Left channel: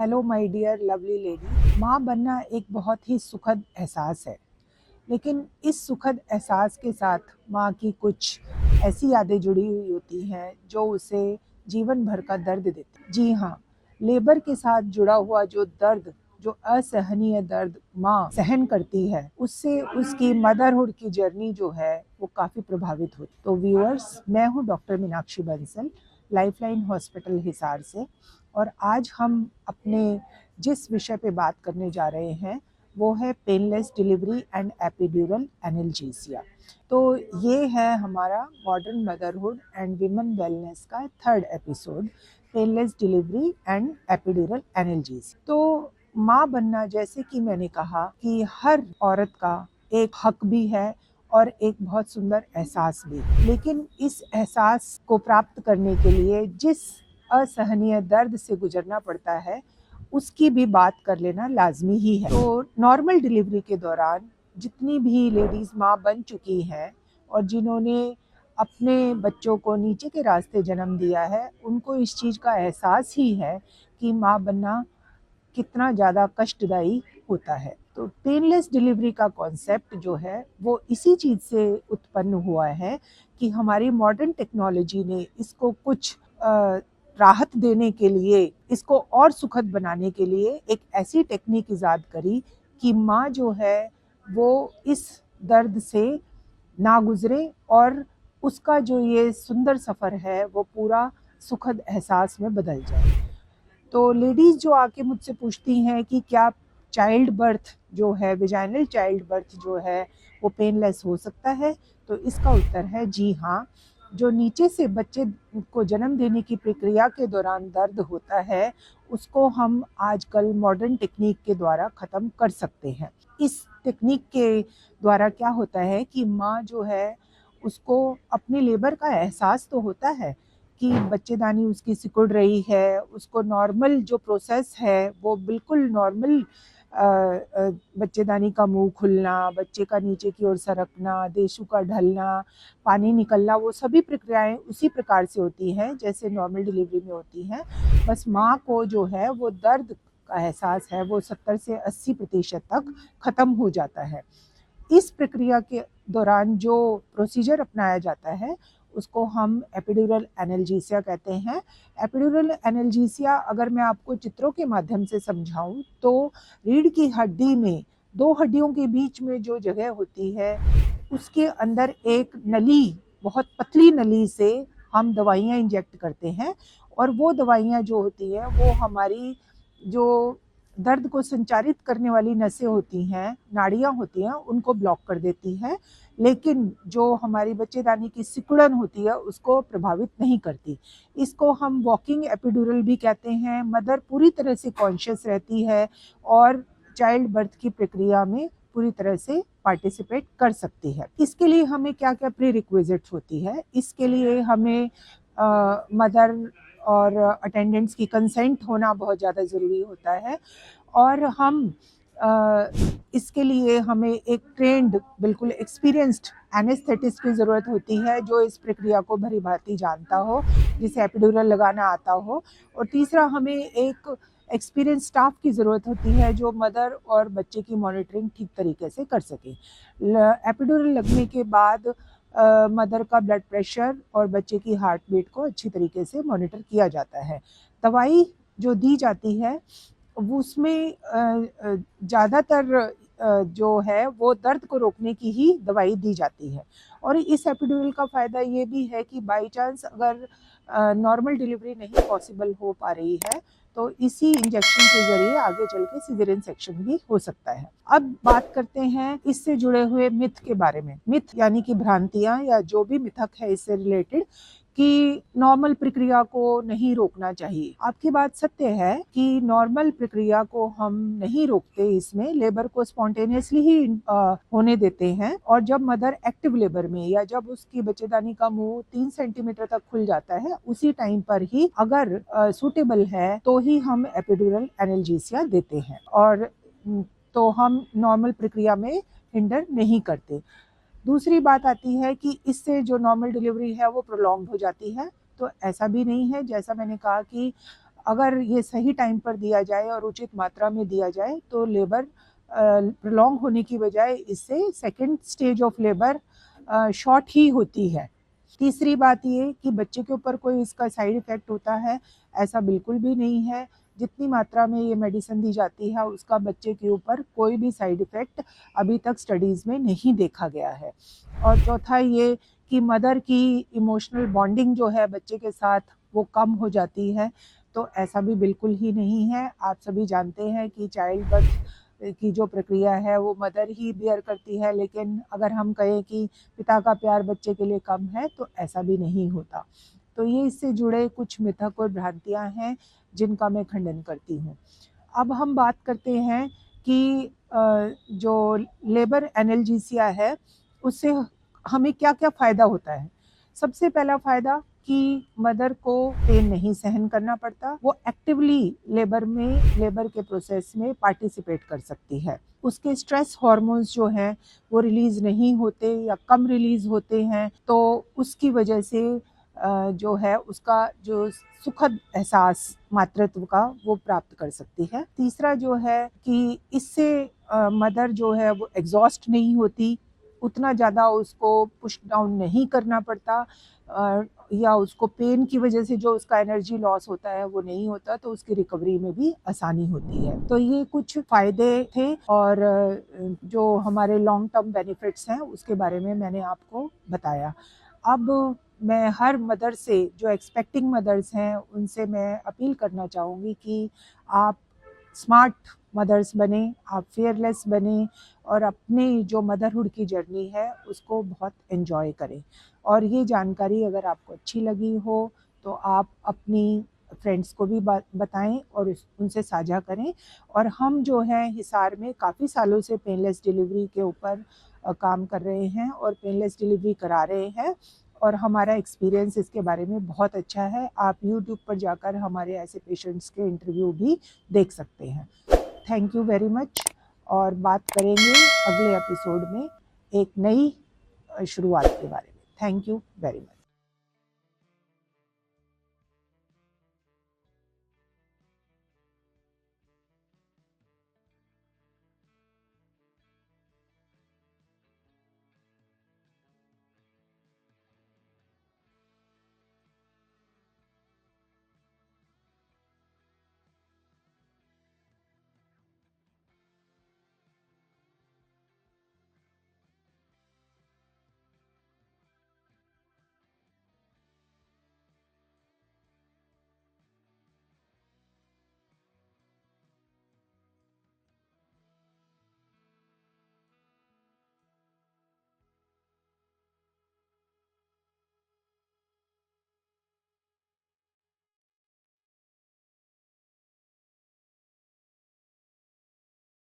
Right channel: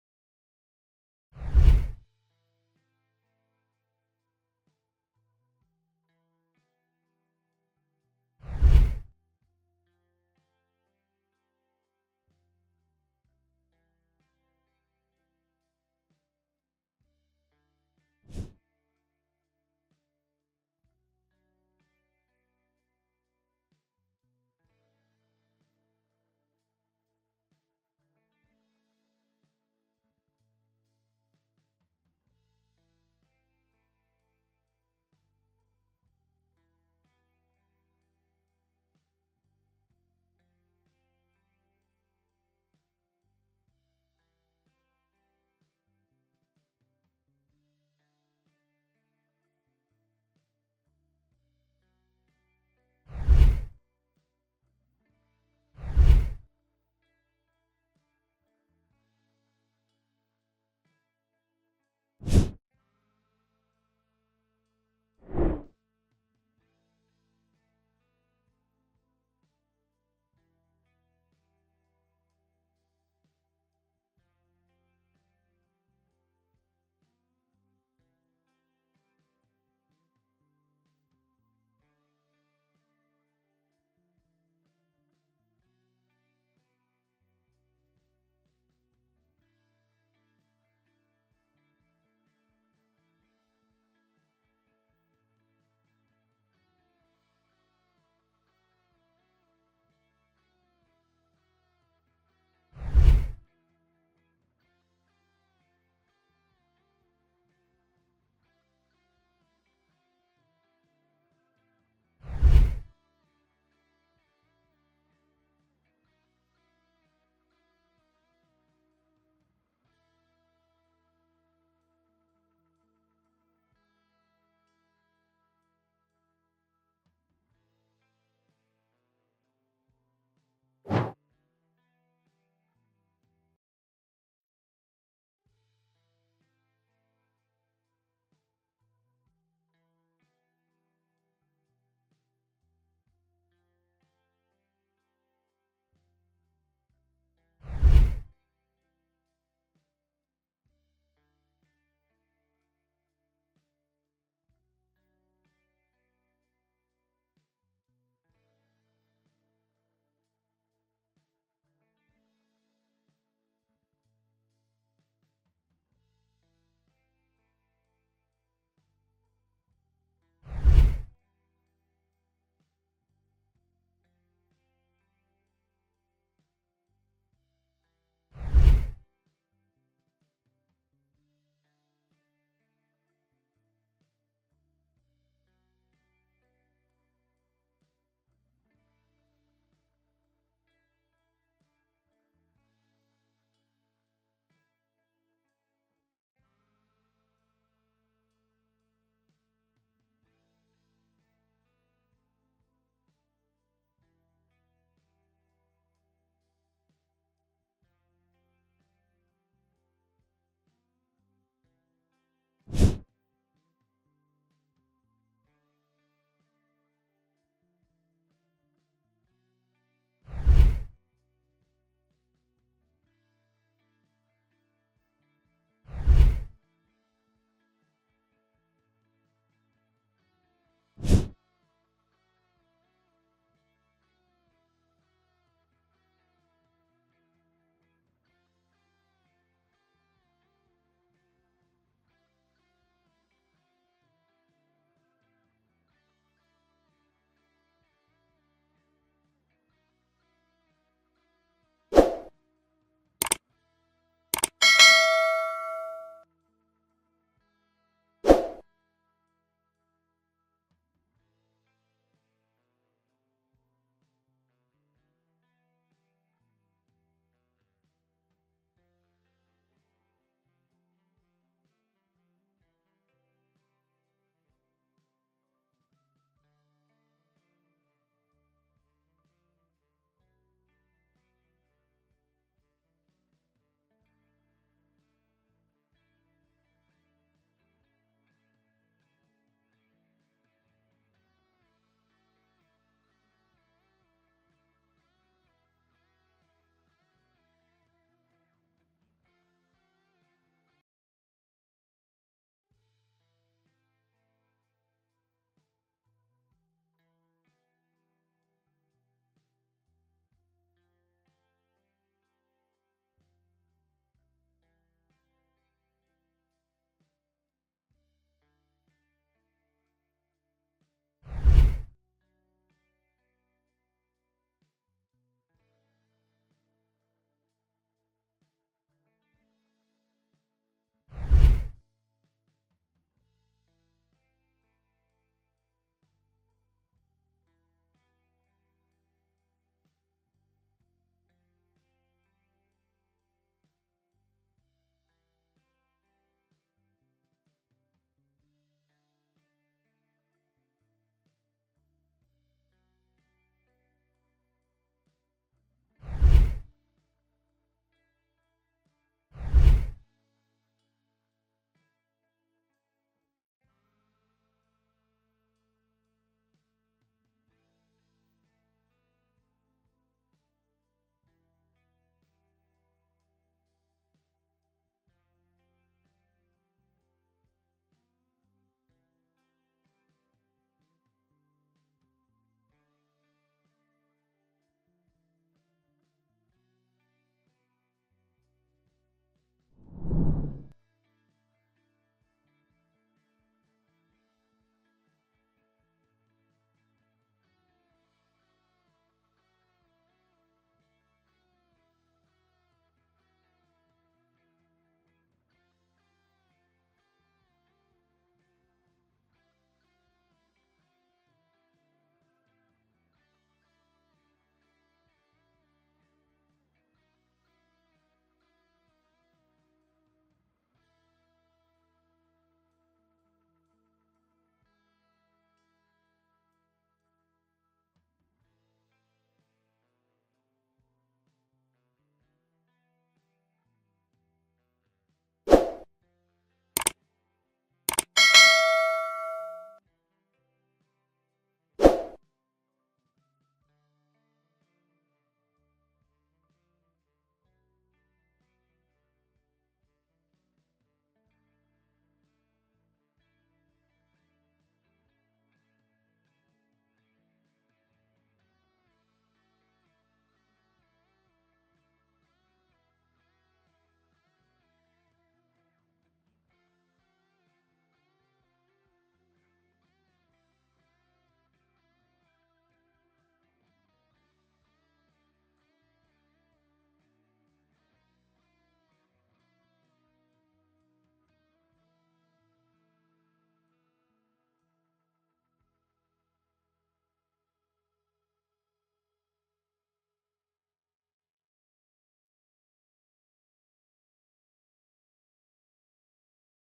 Hello my dear lovely lady. माँ बनना एक बहुत ही सुखद एहसास है, लेकिन इस सुखद एहसास के साथ माँ की कुछ ऐसी यादें जुड़ी हुई होती हैं जो उसे जीवन भर का दर्द देती। जी हाँ, लेबर के साथ जुड़ा हुआ जो दर्द, जो असहनीय दर्द माँ सहन करती है, उससे उसकी मदरहुड की जर्नी जो है वो काफ़ी प्रभावित होती। तो व्यूअर्स, मैं हूँ doctor Meenakshi Bansal, lifeline hospital Hisar से, और आज हम अपने जिस विषय पे बात करने जा रहे हैं वो है painless delivery and epidural analgesia. तो ये है हमारा modern motherhood and women wellness का third episode, painless delivery and epidural analgesia. तो माँ बनना, जैसे कि मैंने कहा, कि हर औरत का एक हक भी है और एक बहुत सुंदर एहसास भी, लेकिन इस एहसास को प्राप्त करने के लिए जिस असहनीय दर्द से गुजरना पड़ता है उसकी भी बात कर लेना लाजमी ही है। तो नॉर्मल डिलीवरी के दौरान जितनी भी लेडीज़ माँ बन चुकी हैं और जिन्होंने अपने बच्चों को नीचे के रास्ते जन्म दिया है, उनको इस चीज़ का एहसास ही है कि माँ बनना कितना ज़्यादा कष्टदायी होता है। तो पेनलेस डिलीवरी का कॉन्सेप्ट जो है वो इसी चीज़ से उत्पन्न हुआ है कि हमारी मॉडर्न टेक्नोलॉजी ने इसको कुछ राहत देने के लिए, इसको और सुखद बनाने के लिए एक ऐसी टेक्निक ईजाद करी कि माँ जो है वो इस दर्द से ना गुजरे और उसका जो ये सुंदर सफ़र है वो पूरा सुखद एहसास में बदल जाए। तो लेडीज़ जो आके मुझसे पूछती हैं कि क्या चाइल्ड बर्थ जो है, वेजाइनल चाइल्ड बर्थ जो है, वो पेनलेस हो सकता है? तो इसका उत्तर है जी हाँ। जो नीचे से बच्चे को जन्म देने की प्रक्रिया के दौरान दर्द होता है, उसको हम आजकल मॉडर्न टेक्निक के द्वारा ख़त्म कर सकते हैं। इस टेक्निक के द्वारा क्या होता है कि माँ जो है, उसको अपने लेबर का एहसास तो होता है कि बच्चेदानी उसकी सिकुड़ रही है, उसको नॉर्मल जो प्रोसेस है वो बिल्कुल नॉर्मल, बच्चेदानी का मुंह खुलना, बच्चे का नीचे की ओर सरकना, देशू का ढलना, पानी निकलना, वो सभी प्रक्रियाएं उसी प्रकार से होती हैं जैसे नॉर्मल डिलीवरी में होती हैं। बस माँ को जो है वो दर्द का एहसास है वो 70 से 80% तक ख़त्म हो जाता है। इस प्रक्रिया के दौरान जो प्रोसीजर अपनाया जाता है उसको हम एपिड्यूरल एनाल्जेसिया कहते हैं। एपिड्यूरल एनाल्जेसिया अगर मैं आपको चित्रों के माध्यम से समझाऊं तो रीढ़ की हड्डी में दो हड्डियों के बीच में जो जगह होती है उसके अंदर एक नली, बहुत पतली नली से हम दवाइयाँ इंजेक्ट करते हैं, और वो दवाइयाँ जो होती हैं वो हमारी जो दर्द को संचारित करने वाली नसें होती हैं, नाड़ियाँ होती हैं, उनको ब्लॉक कर देती है, लेकिन जो हमारी बच्चेदानी की सिकुड़न होती है उसको प्रभावित नहीं करती। इसको हम वॉकिंग एपिड्यूरल भी कहते हैं। मदर पूरी तरह से कॉन्शियस रहती है और चाइल्ड बर्थ की प्रक्रिया में पूरी तरह से पार्टिसिपेट कर सकती है। इसके लिए हमें क्या-क्या प्री रिक्विजिट्स होती है, इसके लिए हमें मदर और अटेंडेंट्स की कंसेंट होना बहुत ज़्यादा ज़रूरी होता है, और हम इसके लिए हमें एक ट्रेंड, बिल्कुल एक्सपीरियंस्ड एनेस्थेटिस्ट की ज़रूरत होती है जो इस प्रक्रिया को भली-भांति जानता हो, जिसे एपिड्यूरल लगाना आता हो। और तीसरा, हमें एक एक्सपीरियंस स्टाफ की ज़रूरत होती है जो मदर और बच्चे की मॉनिटरिंग ठीक तरीके से कर सके। एपिड्यूरल लगने के बाद मदर का ब्लड प्रेशर और बच्चे की हार्ट बीट को अच्छी तरीके से मॉनिटर किया जाता है। दवाई जो दी जाती है वो उसमें ज़्यादातर जो है वो दर्द को रोकने की ही दवाई दी जाती है। और इस एपिड्यूरल का फ़ायदा ये भी है कि बाई चांस अगर नॉर्मल डिलीवरी नहीं पॉसिबल हो पा रही है तो इसी इंजेक्शन के ज़रिए आगे चल के सीज़ेरियन सेक्शन भी हो सकता है। अब बात करते हैं इससे जुड़े हुए मिथ के बारे में। मिथ यानी कि भ्रांतियाँ या जो भी मिथक है इससे रिलेटेड, कि नॉर्मल प्रक्रिया को नहीं रोकना चाहिए। आपकी बात सत्य है कि नॉर्मल प्रक्रिया को हम नहीं रोकते, इसमें लेबर को स्पॉन्टेनियसली ही होने देते हैं, और जब मदर एक्टिव लेबर में या जब उसकी बच्चेदानी का मुंह 3 सेंटीमीटर तक खुल जाता है उसी टाइम पर ही अगर सूटेबल है तो ही हम एपिड्यूरल एनाल्जेसिया देते हैं, और तो हम नॉर्मल प्रक्रिया में हिंडर नहीं करते। दूसरी बात आती है कि इससे जो नॉर्मल डिलीवरी है वो प्रोलॉन्ग हो जाती है, तो ऐसा भी नहीं है। जैसा मैंने कहा कि अगर ये सही टाइम पर दिया जाए और उचित मात्रा में दिया जाए तो लेबर प्रोलॉन्ग होने की बजाय इससे second stage of labour short ही होती है। तीसरी बात ये कि बच्चे के ऊपर कोई इसका साइड इफ़ेक्ट होता है, ऐसा बिल्कुल भी नहीं है। जितनी मात्रा में ये मेडिसिन दी जाती है उसका बच्चे के ऊपर कोई भी साइड इफ़ेक्ट अभी तक स्टडीज़ में नहीं देखा गया है। और चौथा ये कि मदर की इमोशनल बॉन्डिंग जो है बच्चे के साथ वो कम हो जाती है, तो ऐसा भी बिल्कुल ही नहीं है। आप सभी जानते हैं कि चाइल्ड बर्थ की जो प्रक्रिया है वो मदर ही बियर करती है, लेकिन अगर हम कहें कि पिता का प्यार बच्चे के लिए कम है तो ऐसा भी नहीं होता। तो ये इससे जुड़े कुछ मिथक और भ्रांतियाँ हैं जिनका मैं खंडन करती हूँ। अब हम बात करते हैं कि जो लेबर एनाल्जेसिया है उससे हमें क्या-क्या फ़ायदा होता है। सबसे पहला फ़ायदा कि मदर को पेन नहीं सहन करना पड़ता, वो एक्टिवली लेबर के प्रोसेस में पार्टिसिपेट कर सकती है। उसके स्ट्रेस हार्मोन्स जो हैं वो रिलीज़ नहीं होते या कम रिलीज़ होते हैं, तो उसकी वजह से जो है उसका जो सुखद एहसास मातृत्व का वो प्राप्त कर सकती है। तीसरा जो है कि इससे मदर जो है वो एग्ज़ॉस्ट नहीं होती, उतना ज़्यादा उसको पुश डाउन नहीं करना पड़ता, या उसको पेन की वजह से जो उसका एनर्जी लॉस होता है वो नहीं होता, तो उसकी रिकवरी में भी आसानी होती है। तो ये कुछ फ़ायदे थे और जो हमारे लॉन्ग टर्म बेनिफिट्स हैं उसके बारे में मैंने आपको बताया। अब मैं हर मदर से, जो एक्सपेक्टिंग मदर्स हैं उनसे मैं अपील करना चाहूँगी कि आप स्मार्ट मदर्स बने, आप फियरलेस बने और अपनी जो मदरहुड की जर्नी है उसको बहुत एन्जॉय करें। और ये जानकारी अगर आपको अच्छी लगी हो तो आप अपनी फ्रेंड्स को भी बताएं और उनसे साझा करें। और हम जो हैं हिसार में काफ़ी सालों से पेनलेस डिलीवरी के ऊपर काम कर रहे हैं और पेनलेस डिलीवरी करा रहे हैं और हमारा एक्सपीरियंस इसके बारे में बहुत अच्छा है। आप यूट्यूब पर जाकर हमारे ऐसे पेशेंट्स के इंटरव्यू भी देख सकते हैं। थैंक यू वेरी मच और बात करेंगे अगले एपिसोड में एक नई शुरुआत के बारे में। Thank you very much.